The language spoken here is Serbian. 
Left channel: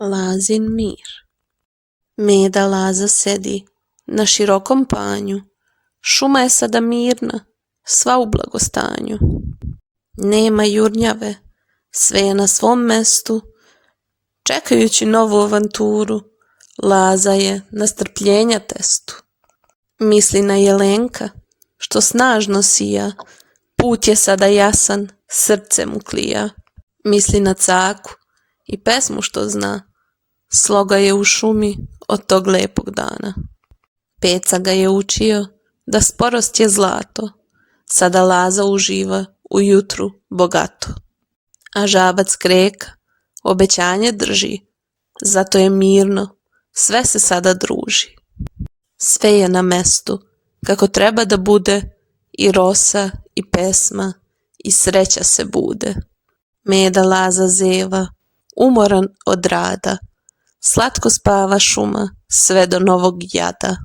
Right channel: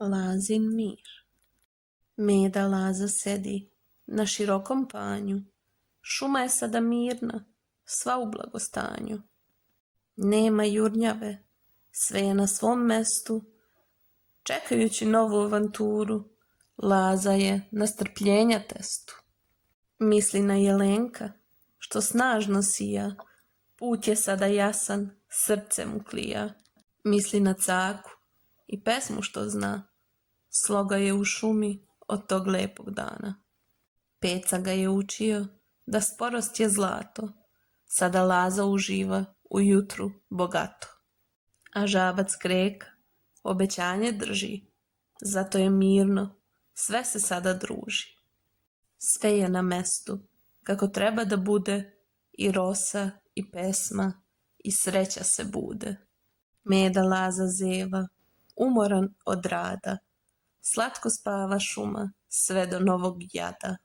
Lazin mir. Meda Laza sedi na širokom panju, šuma je sada mirna, sva u blagostanju. Nema jurnjave, sve je na svom mestu, čekajući novu avanturu, Laza je na strpljenja testu. Misli na Jelenka, što snažno sija, put je sada jasan, srce mu klija. Misli na Caku i pesmu što zna, sloga je u šumi od tog lepog dana. Peca ga je učio da sporost je zlato, sada Laza uživa u jutru bogato. A žabac Kreka obećanje drži, zato je mirno, sve se sada druži. Sve je na mestu, kako treba da bude, i rosa, i pesma, i sreća se bude. Meda Laza zeva, umoran od rada, slatko spava šuma sve do novog jada.